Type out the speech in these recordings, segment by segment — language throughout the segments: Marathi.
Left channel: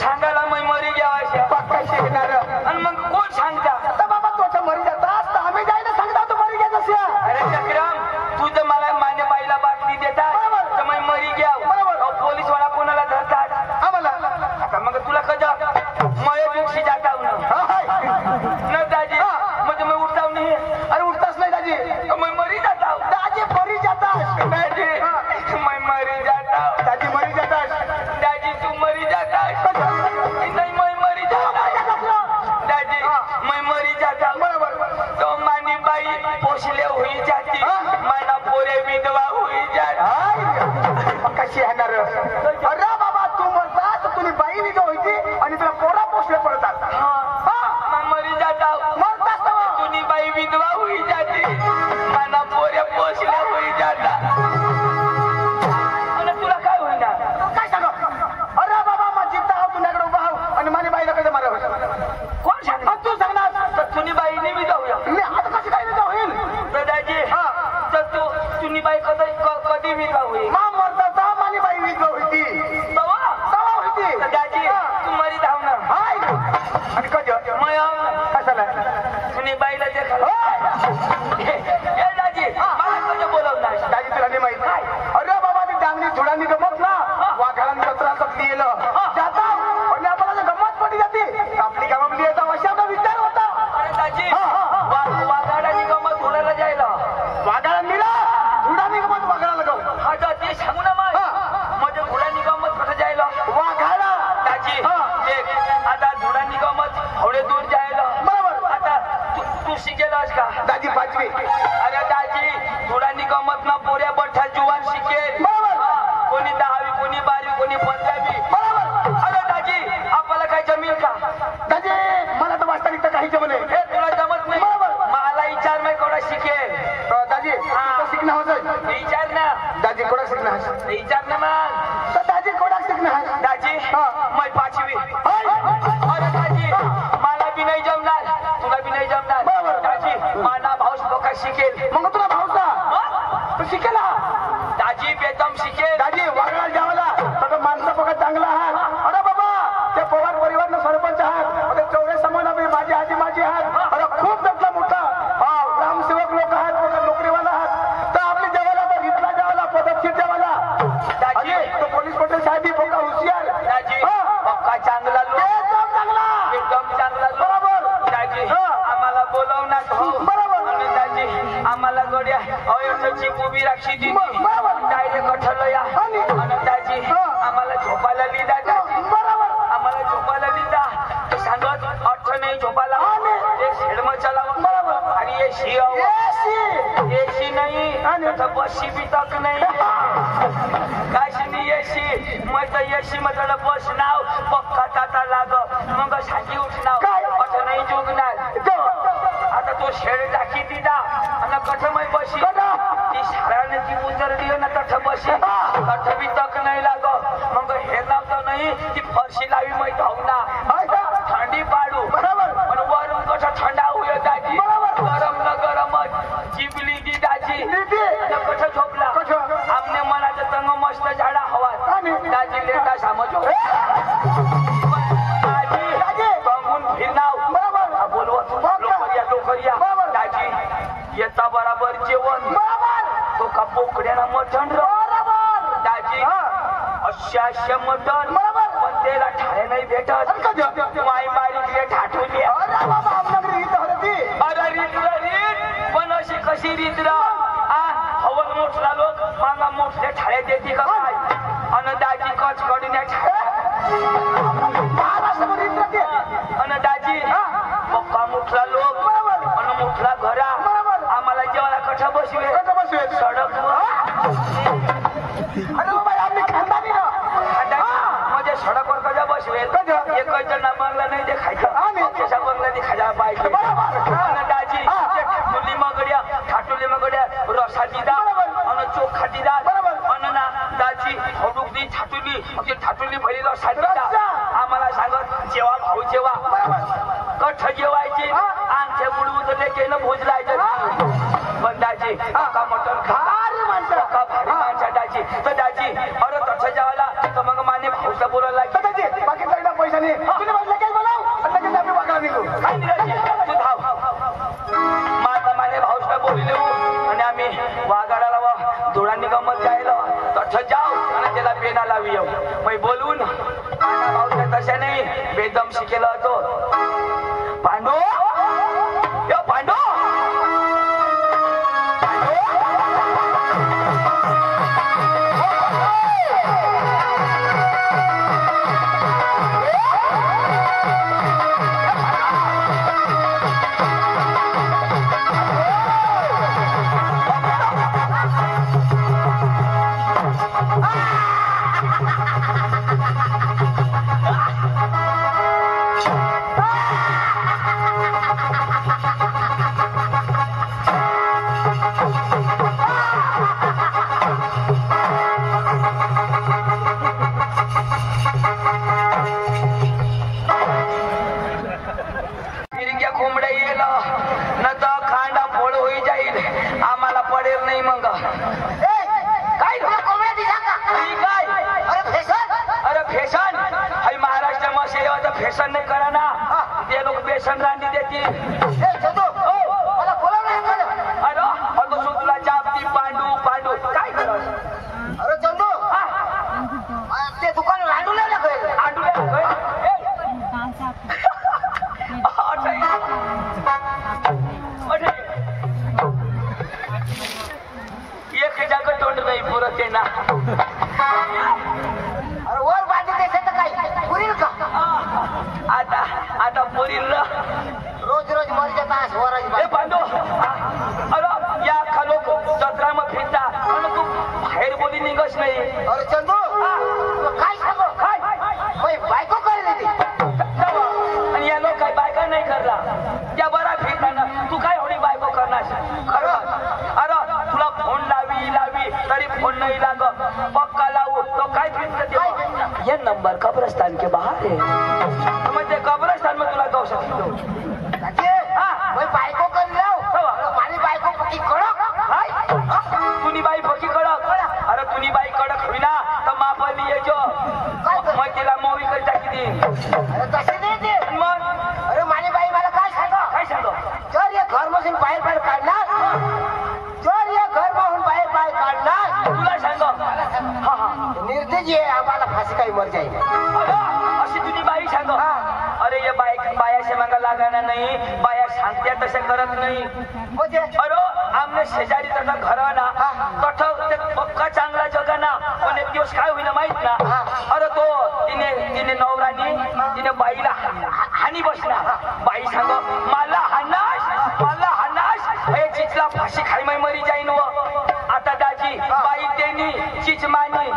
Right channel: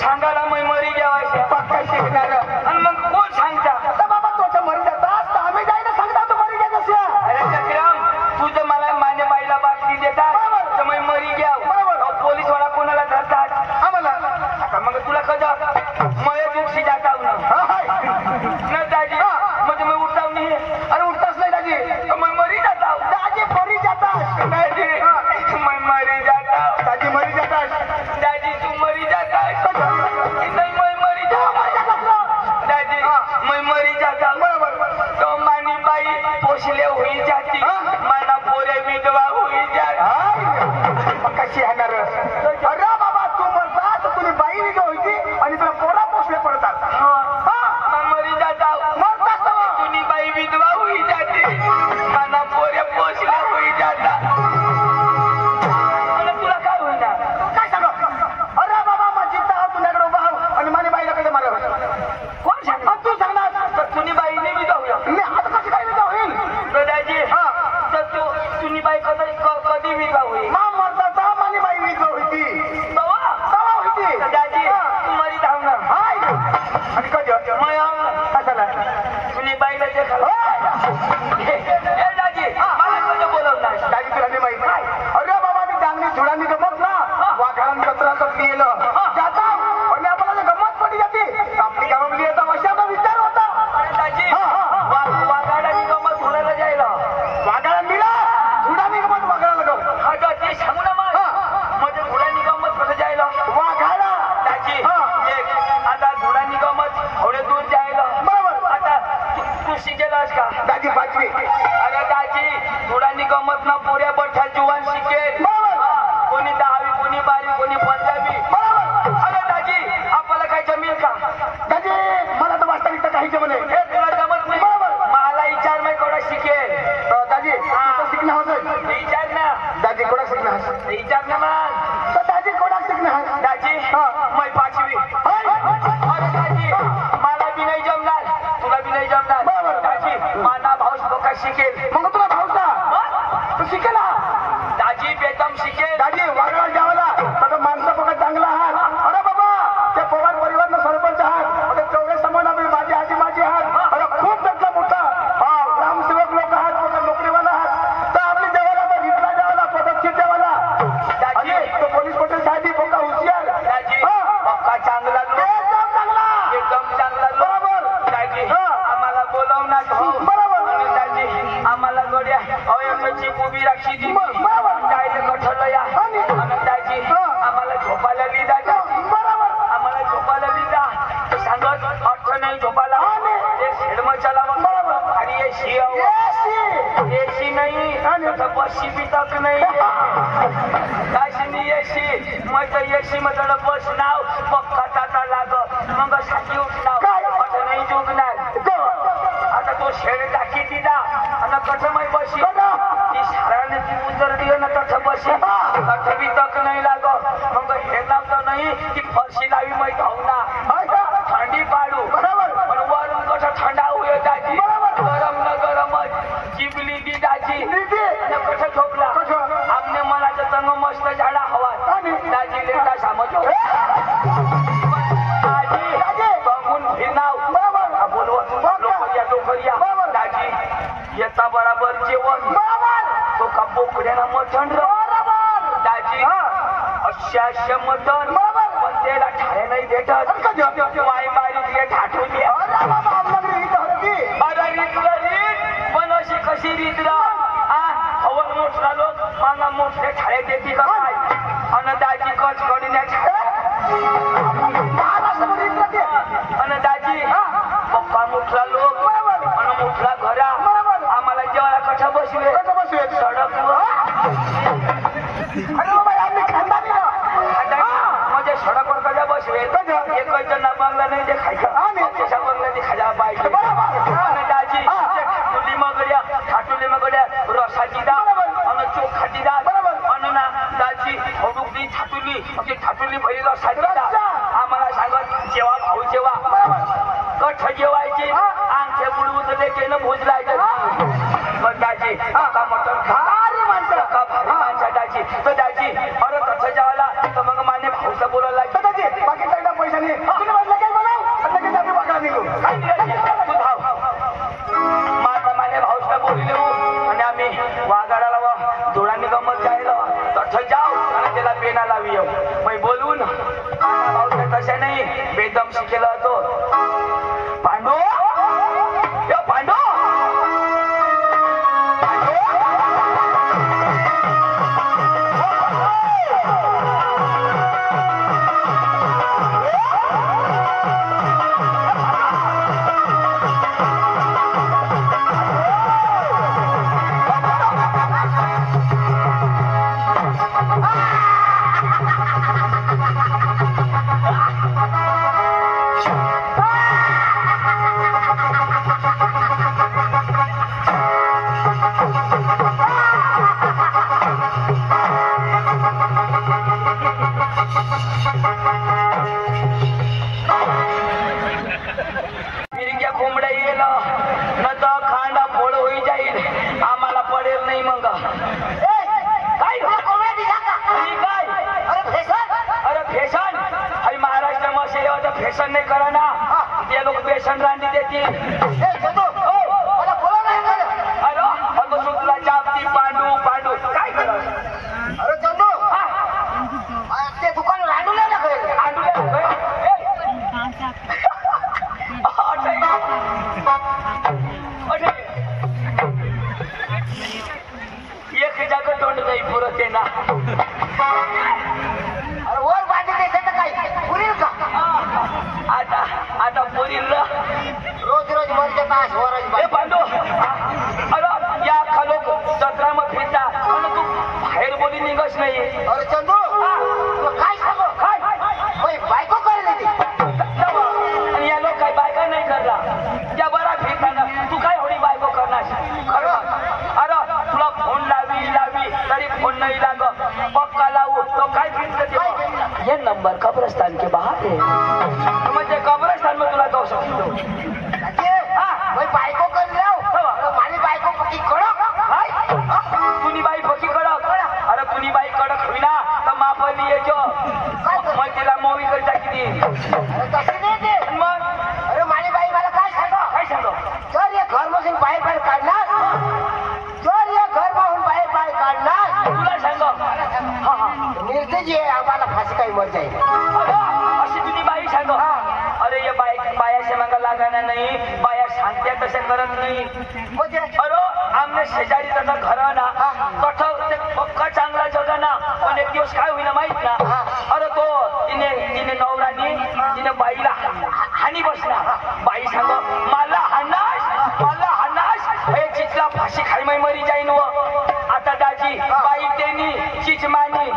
सांगायला मी मरी घ्यावायच्या पक्का शिकणार आणि मग कोण सांगता आता बाबा तोच्या मरी जातात आम्ही जायला सांगता तू मरी घ्यायचं असेल. अरे चक्रम तू तर मला माझ्या बाईला बातमी देतात तर मी मरी घ्याव पोलीस वाला कोणाला धरतात आम्हाला आता मग तुला कजा मय दिवशी जाता न दाजी म्हणजे मी उठताव नाही अरे उठताच नाही दाजी मी मरी जाता दाजी मरी जातात दाजी मैं मरी जाता दाजी मरी जातात दाजी तू मरी जाता नहीं मैं मरी जाता दाजी मैं मरी जाता बरोबर तो मानी बाई पोषले हुई जाती माना पोरे विधवा हुई जाती कशी येणार अरे बाबा तू म्हणतात तुझी बाई विधवा व्हायची आणि तुला पोरा पोसले पडतात मैं मरी जाता म्हणतात तुनी बाई विधवा हुई जाती माना पोरे पोषले हुई जाता आणि तुला काय होणार काय सांग अरे बाबा माझी तहा तुझ्याकडे उभा आहो आणि माझ्या बाईला कधी मारा कोण सांग तू सांगणार तुनी बाईने विधवा होईल मी आता कशी काय विधवा होईल दादाजी तर तू तुनी बाई कधी विधवा होईल मा मरता माझी बाई विधवा व्हायची तवा तवा व्हायची दादाजी तू मरी धाव ना हाय आणि कधी मैं कशाला तुनी बाईला देखा ए दाजी मला कधी बोलवणार दाजी तुला नाही माहित अरे बाबा ती डांगरी धुडांनी गमत ना वाघाळांनी कचरा पिलं जाता पण आपल्याला गमत पडी जाते आपली गमतली येतात अशा विचार होता अरे दाजी वाघाडानी गमत धुण्याला जायला वाघाळा मिळा धुडांनी गमत वाघाळाला गम हा ते सांगू ना मग म्हणजे धुडानी गमत कसं जायला वाघाळा दाजी एक आता धुडानी गमत थोडे दूर जायला बरोबर आता तू शिकेलस का दाजी पाचवी अरे दाजी धुडानी गमत ना पुऱ्या बठ्ठा जुवान शिकेल कोणी 10वी कोणी 12वी कोणी 15वी बरोबर अरे दाजी आपल्याला काय जमेल का दाजी मला तर वास्तविकता काही जमले हे तुला जमत नाही मला विचार नाही कोणा शिकेल दाजी तुझं शिकणं होतं विचार ना दाजी कोणा शिकणं विचार ना मग तर दाजी कोणा शिकणं दाजी मैं 5वी अरे दाजी मला बी नाही जमणार तुला बी नाही जमणार दाजी माझा भाऊस लोका शिकेल मग तुला भाऊसा तू शिकेल दाजी बेदम शिकेल दाजी वाघाला जावाला तर माणसा पगार चांगला आहात अरे बाबा त्या पवार परिवारनं सरपंच आहात ते चौरे समान माझी आजी आहात अरे खूप त्यातला मोठा ग्रामसेवक लोक आहात मग नोकरीवाला आहात तर आपली जेवायला तर इथला जेवायला पदक्षेप जेवायला दाजी तो पोलीस पटेल साहेब पक्का हुशियार दाजी पक्का चांगला एकदम चांगला एकदम चांगला बरोबर दाजी आम्हाला बोलवणार बरोबर आणि दाजी आम्हाला गड्या अवयवची उभी राखी दिली डायरेक्ट कठल या आणि दाजी आम्हाला झोपायला लिहिला बरोबर आम्हाला झोपायला लिहिला ते सांगत अर्थ नाही झोपायला एक हेडम चालावं आणि एसी नाही तर बसशी बी तक नाही काशी एसी मग एसी मध्ये बस नाव पक्का ताता लाग मग साठी उठणार अर्थ नाही जुगणार आता तो शेड टाकी दिला आणि कठमय बशी ती शाळाने ती उजरडी ना तठ बशी तठ बी तक नाही लाग मग हे नाव तर नाही की फरशी लावी मै धावना थंडी पाडू पण वरून कसं थंडा होय दाजी गरम न गरमच जिबली दी दाजी आणि कसं झोपला आमने मनाचं तंग मस्त झाडा हवा दाजी लेटा समजो दाजी बघून फिरनाव बोलवत लोकरिया लोकरिया दाजी येता बराबर जेवण तो का बोकड्याला मटण दाजी अशा मटण पण त्याला ठाणे नाही भेटत माई बारीतले ठाठून अरे रीत पण अशी कशी रीत हवन मोठला लोक मागा मोठले ठाळे देते का काय अन दाजी कच कडीने अन दाजी पप्पा मोठला लोक अन मोठला घरा आम्हाला जेवायला कठा बसवे सडक अरे बाबा आम्ही खानदानी म्हणजे सडकवर कशा बसवे एक जण बंगला नाही ते खायचं त्याच्या बंगला ते खायला पाहिजे दाजी ठाटुली मगड्या रसाची डाळ आणि चोखाची डाळ अन ना दाजी हडुकली ठाटुली भरी रसाची डाळ आम्हाला सांगत जेवा भाऊ जेवा कठ जेवायची आमच्या बुडवून लेकेनं भोजलायचं पण दाजी का मटण भारी माणसा दाजी तर दाजी अरे तसं जेवायला तर मग माने भाऊचा बोलायला दाजी बाकी लक्ष केलं होतो पांडू यो पांडू फॅशन नाही करा ना ते लोक बेसन रांधी देतील तुला जापती पांडू पांडू काय करत अरे चंदू ते दुकान रांडू नाही लागेल एक जागा तोंड नाही पुरत आहे ना वर बांधून देते तर काय पुरील का आता पुरील रोज रोज मरच्या तास वरच बांधो अरे या लोक जत्रा मग फिरता तू बाहेर बोली निघच नाही अरे चंदू काय सांगू काय बायको करेल आणि या लोक काही बायका नाही करला त्या बरा फिरताना तू काय होणी बायको करणार अरे तुला फोन लावी तरी फोन नाही लाग पक्का लावू तो काय फिरत ये नंबर कब्रस्तान के बाहर है म्हणजे कब्रस्तान में तुला जाऊ शकतो बायको कर माझी बायको पक्की कडक तुनी बाई पक्की कडक अरे तुनी बाई कडक होईना तर मापणी येजो मग तिला मोवी करता किती अरे तशी नाही ते मग अरे माझी बाई मला काय सांग जर या घर मधून बाहेर काढणार तुला सांग निर्देश आहे आम्हाला फाशी काही मर जाईल अशी तुझी बाई सांग अरे ये बायाच्या मागा लागाना नाही बाया सांगत्या तसे करत नाही अरे आमने शेजारी त्याचा घर ना कठ पक्का चांगला जगा ना पण एक दिवस काय होईना माहित ना अरे तो तिने नवरानी तिने बाईला हानी बसणार बाई सांग मला हाणास चिचला फाशी खाई माई मरी जाईन व आता दाजी बाई तेनी चिच मानी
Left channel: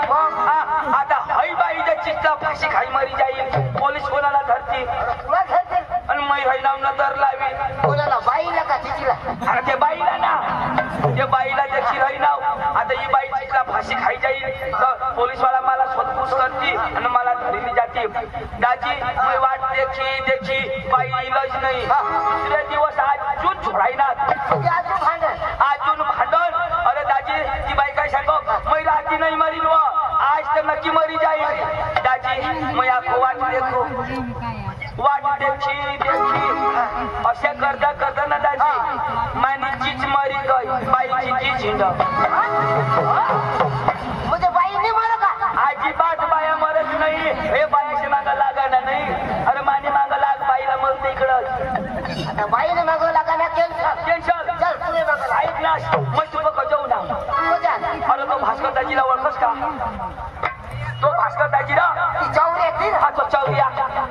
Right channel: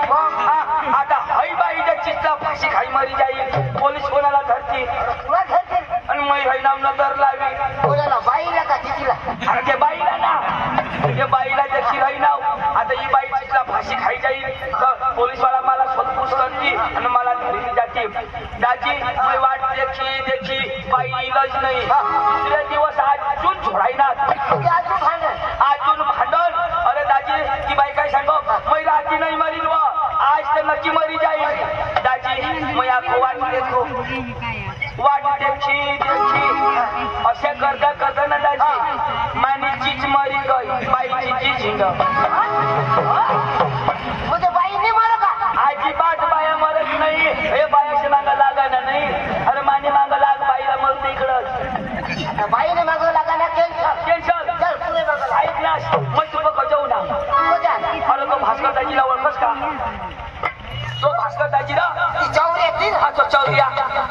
आता हई बाई चिचला फाशी खाई मरी जाईल पोलीस कोणाला धरती आणि मै हई नाव न दर लावी कोणाला बाईला का चिचला अरे ते बाईला ना ते बाईला त्याची हई नाव आता ही बाई चिचला फाशी खाई जाईल तर पोलीस वाला मला शोधपूस करती आणि मला धरली जाते दाजी मी वाट देखी बाई इलाज नाही दुसऱ्या दिवस अजून झोडायना अजून भांडण अरे दाजी ती बाई काय सांग मै राती नाही मरील व आज तर नक्की मरी जाईल दाजी मी आखो वाट देखी असे करता ना दाजी मानी चीच मरी गई बाईची चीच हिंड म्हणजे बाई नाही मर का अजिबात बाया मरत नाही हे बायाशी मागा लागायला नाही अरे माने मागा लाग बाईला मरते इकडं बाईने मागं लागायला टेन्शन ऐक ना मग तू बघ जाऊ ना अरे तो भास्कर दाजीला ओळखस का तो भास्कर दाजीला हा तो चौरिया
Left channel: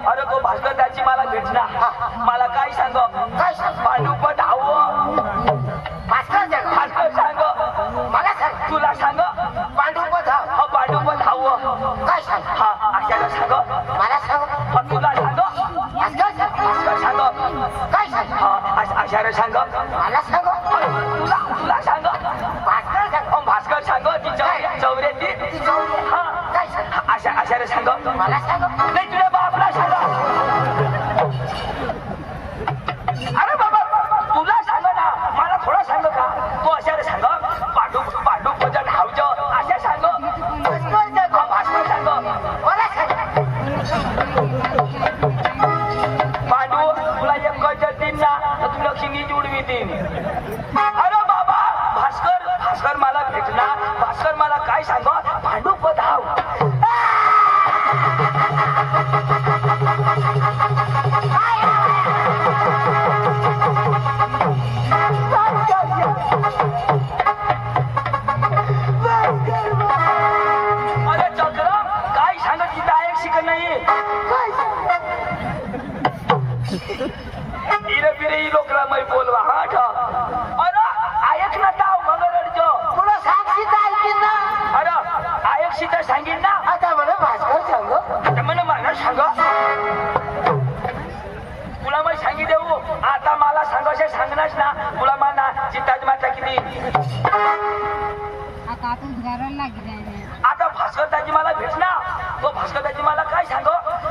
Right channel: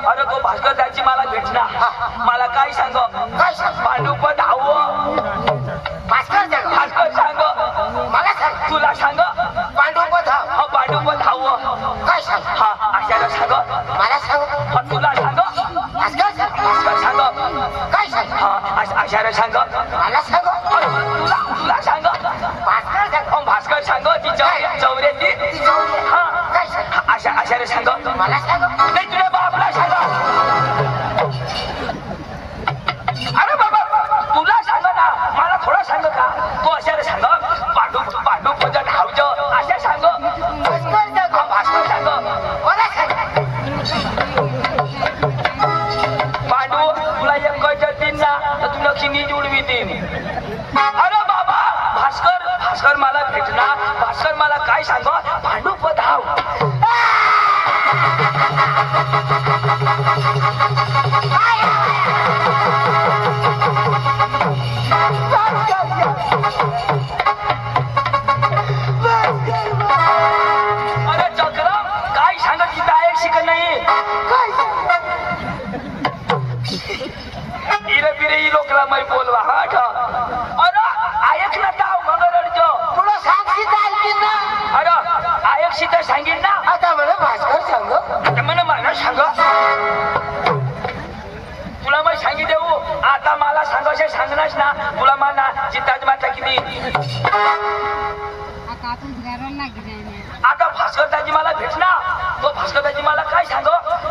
अरे तो भास्कर दाजी मला भेटणार मला काय सांग पांडुप धाव भास्कर सांग मला सांग तुला सांग पांडुप धाव पांडुप धाव काय सांग हा आशाला सांग मला सांग तुला सांग भास्कर सांग काय सांग हा आशाला सांग मला सांग तुला सांग भास्कर सांग ती चौऱ्याची हा काय सांग आशाला सांग मला सांग नाही तुला बापला सांग अरे बाबा तुला सांग ना मला थोडा सांग का तो अशाला सांग पांडू पूजा धावज अशा सांग भास्कर सांग मला सांग पांडू तुला एक गज देईन ना तर तुला चिनी जुडवी देईन अरे बाबा भास्कर मला भेटणार भास्कर मला काय सांग पांडू धाव लोकला मै बोलवा हट अरे ऐक ना ताव मंगरडजो तुला सांगशील ऐकीन ना अरे ऐक सीता सांगीन ना आता मला भास्कर सांग आता मला सांग तुला मी सांगी देऊ आता मला सांगायचे सांगणारच ना तुला मला चिताज माता किती आता भास्करदाजी मला भेटला तो भास्करदाजी मला काय सांग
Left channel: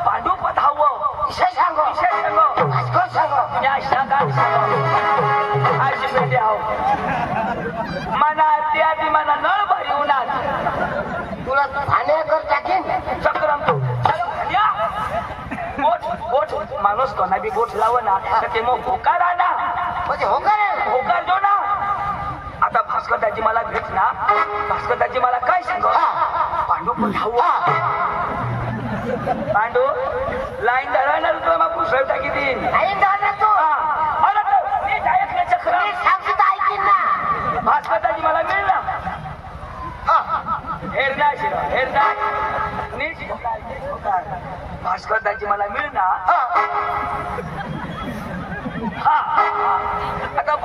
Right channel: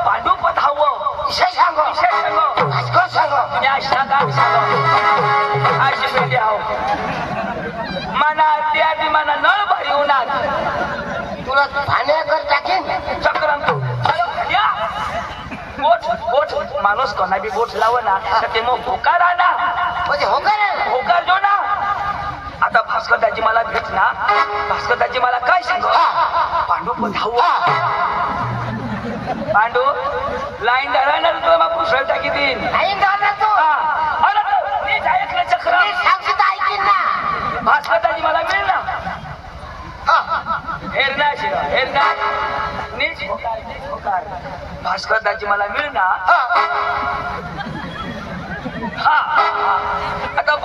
पांडू पधावं विषय सांग भास्कर सांग तुम्ही अशा काय सांग अशी पेटी आहो मना आधी मना नळ भरी होणार तुला ठाण्याकर टाकीन चक्रम या बोट माणूस कोणा बी बोट लाव ना तर ते मग होकार ना म्हणजे होकार जो ना आता भास्करदाजी मला भेटला भास्करदाजी मला काय सांग पांडू पधावं पांडू लाईन धरायला तुला मग पुसळ टाकी देईन अरे चक्र ऐकीन ना भास्करदाजी मला मिळ ना हेरना हेरना नीच होकार भास्करदाजी मला मिळ ना हा आता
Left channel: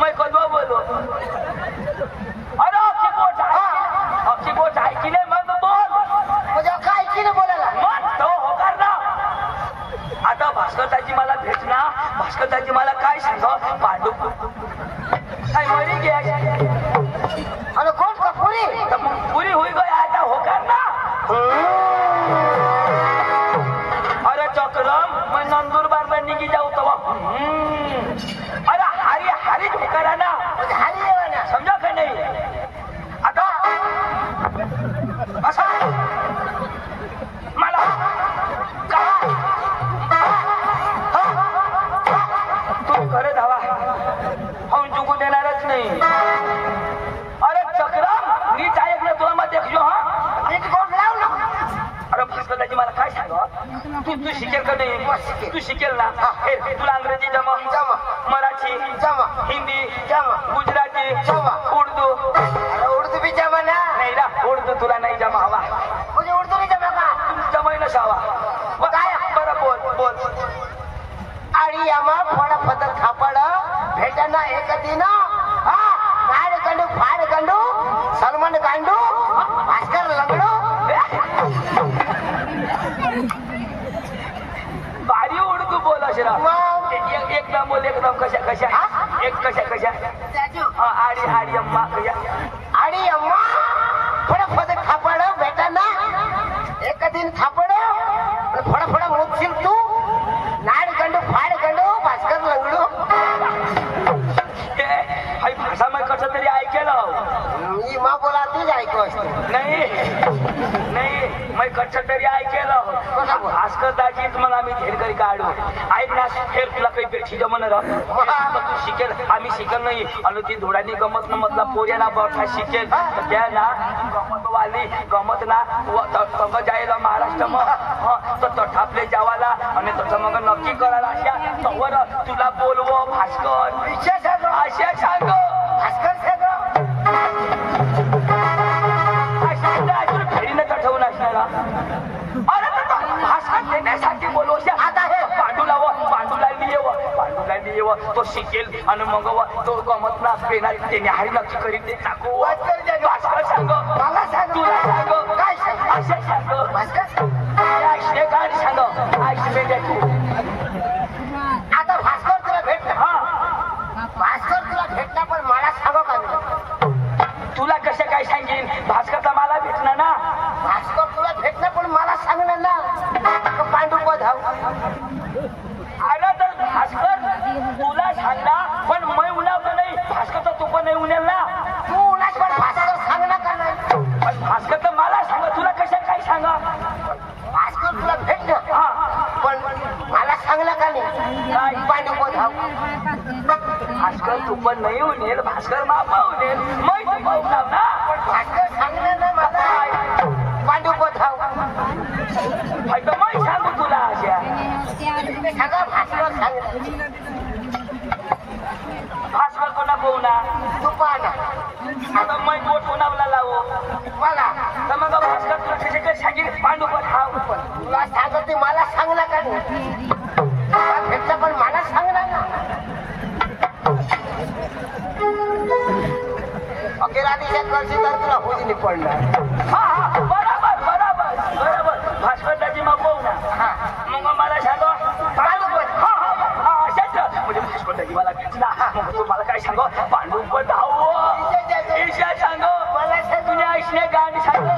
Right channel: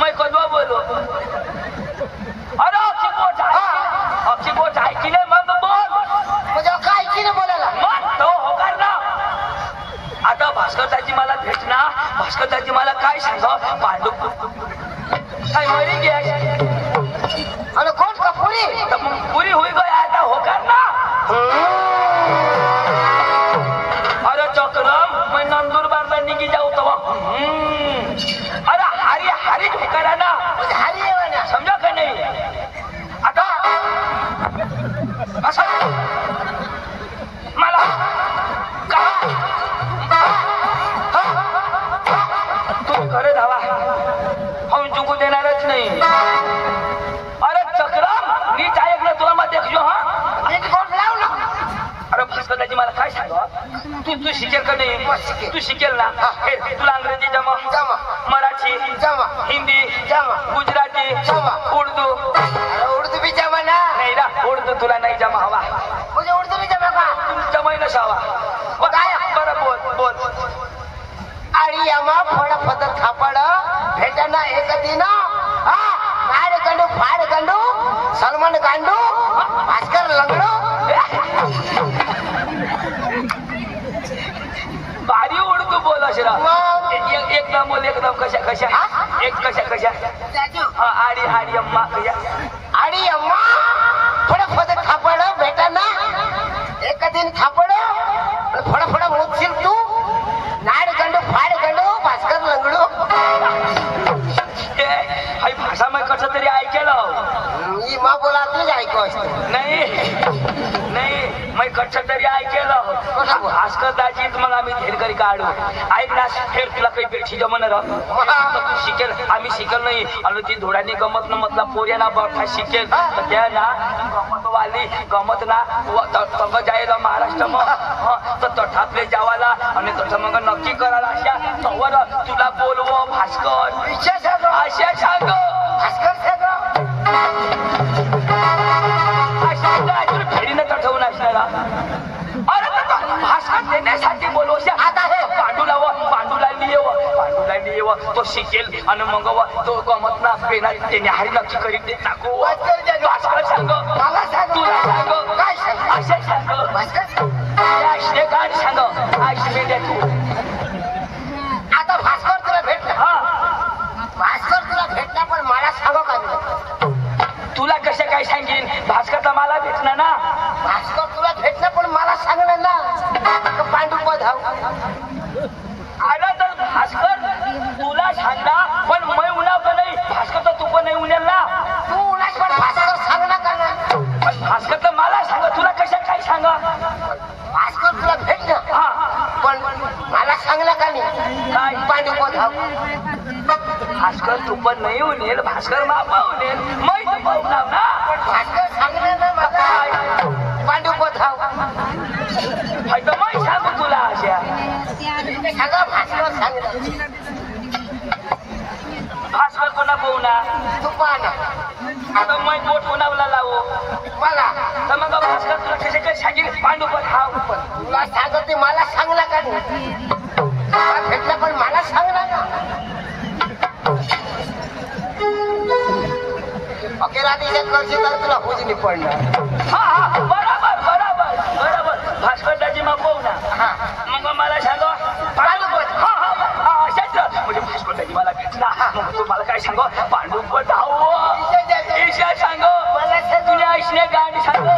मैं कदवा बोलो अरे अक्षी बोट ऐकी नाही मग बोल म्हणजे काय ऐकीन बोलायला मग तो होकार ना आता भास्करदाजी मला भेटना भास्करदाजी मला काय सांग पांडू काय मरी गे आणि कोण का पुरी तर मग पुरी होई गई आता होकार ना अरे चक्रम मैं नंदुरबारला निघी जाऊ तवा अरे हारी होकारा ना हारी ना समजा का नाही आता असं मला तू खरं धावा हम चुकू देणारच नाही अरे चक्रम नीच ऐकलं तुला मग देखलो हा अरे भास्करदाजी मला काय सांग तू शिकेल का नाही तू शिकेल ना हे तुला इंग्रजी जमा मराठी हिंदी गुजराती उर्दू उर्दू भी जमा ना नाही ना उर्दू तुला नाही जमा हवा म्हणजे उर्दू भी जमा का जमाई नसावा काय बरं बोल आणि आम्हा फळ पदर थापड भेटाना एक दिन गाड गंडू फाड गंडू सलमान गांडू भास्कर लंगडू भारी उर्दू बोल अशरा एकदम बोल एकदम कशा एक कशा आडी अम्मा कशा आणि अम्मा फळ पदर थापड भेटाना एक दिन थापड फळ मोजशील तू नाड गंडू फाड गंडू भास्कर लंगडू हाय भाषा मी कसं तरी ऐकेलं मी मा बोला तूच ऐकू नाही मी कसं तरी ऐकेलं भास्करदाजीत मग आम्ही धेरकरी काढू ऐक ना फेर तुला काही पेक्षी जमन तू शिकेल आम्ही शिकेल नाही आणि ती धोडानी गमत न मधला पोऱ्याना बरथा शिकेल तर त्या ना गमत वाली गमत ना तंग जायला महाराष्ट्र मग तर तठातले जावाला आणि तसं मग नक्की करायला अशा तवर तुला बोलवो भास्कर अशा सांग भास्कर फेरीनं ठेवून असणारा अरे भास्कर देण्यासाठी बोलव आता हे पांडूला लिहिव तो शिकेल आणि मग तो गमत ना पेना त्याने हारी नक्की करीत देत टाकू भास्कर सांग तुला सांग काय असे सांग काय सांग आशे तू आता भास्कर तुला भेटला भास्कर तुला भेटला पण मला सांगो का तुला कसं काय सांगेन भास्करचा मला भेटणार ना भास्कर तुला भेटलं पण मला सांगणार ना पांडू पधाव आला तर भास्कर तुला सांगा पण मी उन्हावतो नाही भास्कर तर तू पण नाही उन्हेल ना तू उन्हाच पण भास्कर सांगणार का नाही पण भास्कर तर मला सांगा तुला कशा काय सांगा भास्कर तुला भेटलं पण मला सांगलं का नाही पांडू पधाव भास्कर तू पण नाही उनेल भास्कर मापा उनेल मै तू पाहुणार ना भास्कर सांगणार ना मला पांडू पधाव तर मै सांगू तुला अशा सांगा भास्कर सांगलं भास्कर कोणा पोहणार तू पाहना आता मै बोट कोणाला लावू मला तर मग भास्कर तुला कशाच्या सांगेल पांडू पण ते मला सांगला का भेटला पण मला सांगला ना अखेर आधीच्या कर्जी तर तुला हुजनी पडणार बरोबर बरोबर बरोबर भास्करदाजी मग पाहू ना मग मला सांग म्हणजे भास्करदाजी मला भेटला मग तू मला काय सांग पांडुपत धाव ईशा सांग मला तुला ऐसने गाणी सांग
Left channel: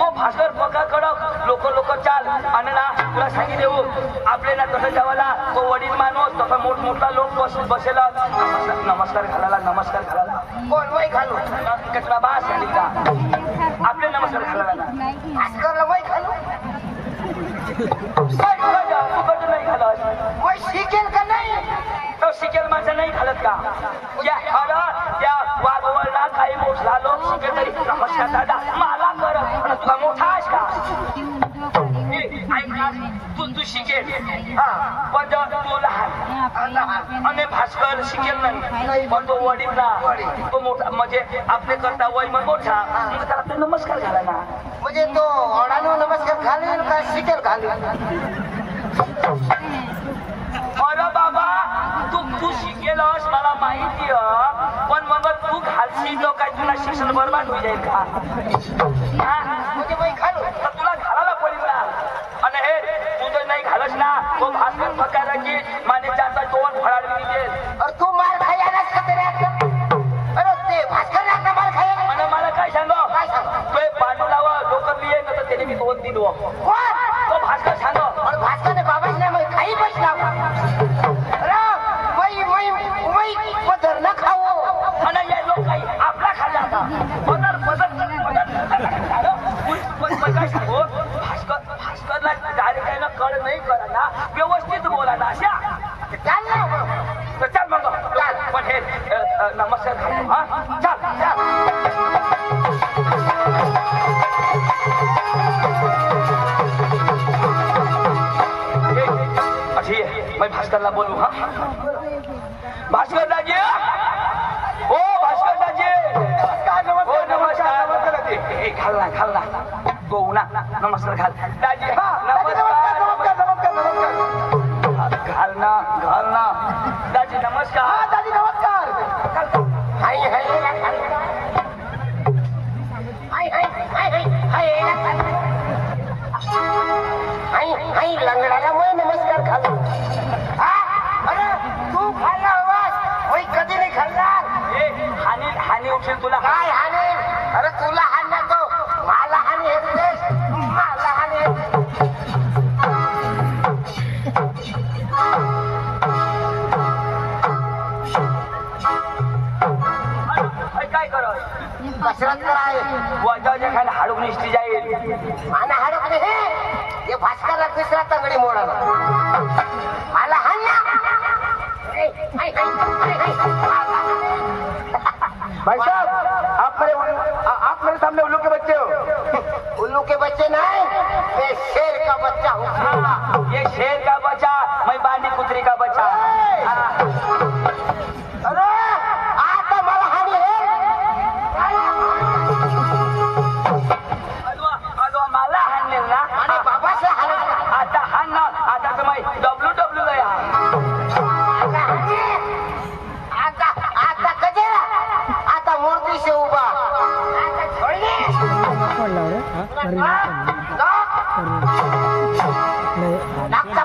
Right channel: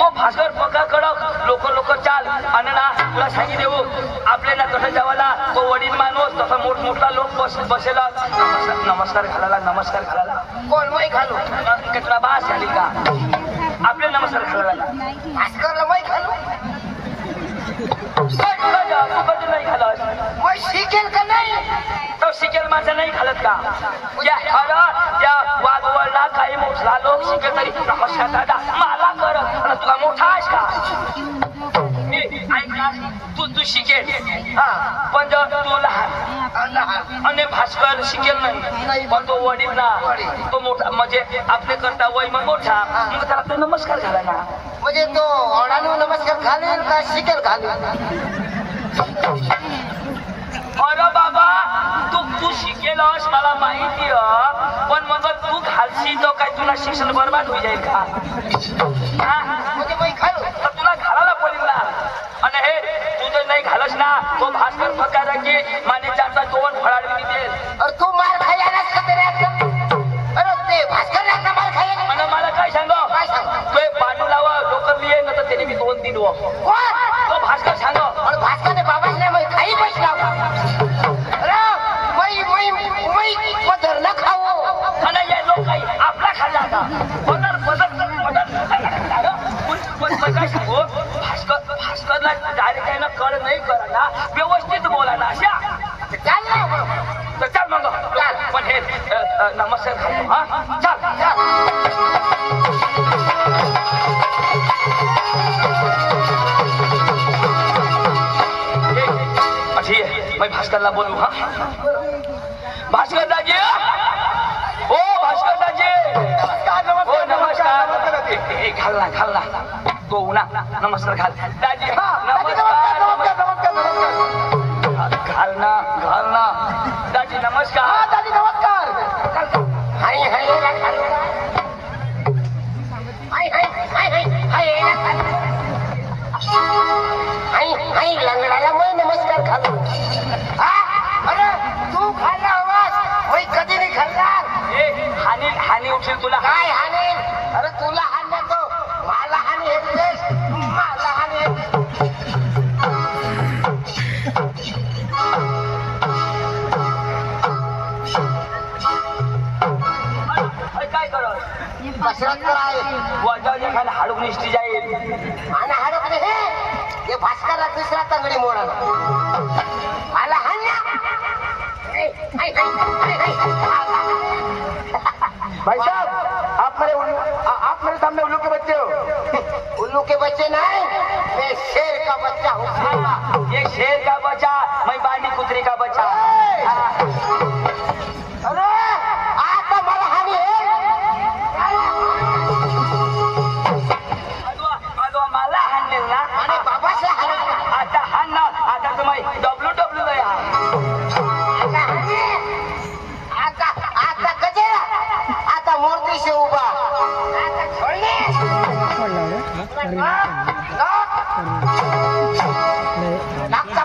तो भास्कर पका कडक लोक चाल आणि ना तुला सांगी देऊ आपले ना तसं जेवायला तो वडील माणूस तसा मोठमोठा लोक बसेला नमस्कार घालायला कोण मै घालू कचरा बास झाली का आपले नमस्कार घालायला भास्करला मै घालू नाही घालत मै शिकेल का नाही तो शिकेल माझं नाही घालत का त्या वाघवळला काही मोठला लोक शिकेल तरी नमस्कार दादा मला करत तुला मोठा आहेस का तू शिकेल पण तू लहान आणि भास्कर शिकेल नाही पण तो वडील ना तो मोठा म्हणजे आपले करता वय मग मोठा मग त्याला तो नमस्कार झाला ना म्हणजे तो ओढानो नमस्कार घालून का शिकेल घालून अरे बाबा तू शिकेलस मला माहिती पण मग तू घालशील तो काय तुला शिक्षण बरबाद होई जाईल का म्हणजे मी घालू तर तुला घालायला पडेल ना आणि हे तू जर नाही घालस ना तो भास्कर प्रकाराची माझे चारचा दोन फळाडवी देईल अरे तू मार खायलाच का तरी अरे ते भास्कर लागला मार खायला आणि मला काय सांग तू पांडू लावा लोकर लिहे ना तर त्याने मी दोन दिन कोण तो भास्कर सांग अरे भास्करने बाबाच नाही मग खाई बसला पदर न खाओ आणि या लोक काही आपला खाल्ला का काय सांगू भास्करला डायरेक्ट आहे ना कळ नाही करा ना व्यवस्थित बोला ना अशा चाल ना तर चल मग पण हे नमस्कार घालतो हा चल मैं भास्करला बोलू हा भास्कर दाजी ओ भास्कर दाजी हो नमस्कार घाल ना गो ना नमस्कार घाल दाजी नमस्कार घाल ना दाजी नमस्कार दादी नमस्कार हाय हाय हाय लंगडाला मग नमस्कार घालू अरे तू खाल्ला हवास मी कधी नाही खाल्ला हानी उठेल तुला काय हानी अरे तुला हाणला तो मला हानी येतेस मला हानी काय करत कसरत कराय वाजाच्या खाली हाडूक निष्ठी जाईल आणि हाडक हे भास्करला दुसरा तंगडी मोडाला मला हाणला भाई साहब आप मेरे सामने उल्लू के बच्चे हो उल्लू के बच्चे नहीं मैं शेर का बच्चा हूँ ये शेर का बच्चा मैं बानी कुतरी का बच्चा अरे आता मला हानी मला हाणलेल ना आणि बाबाचे हानी आता हाण ना आता तर मैं डब्ल्यू आता गजरा आता मूर्तीशी उभा आता छोडले लागता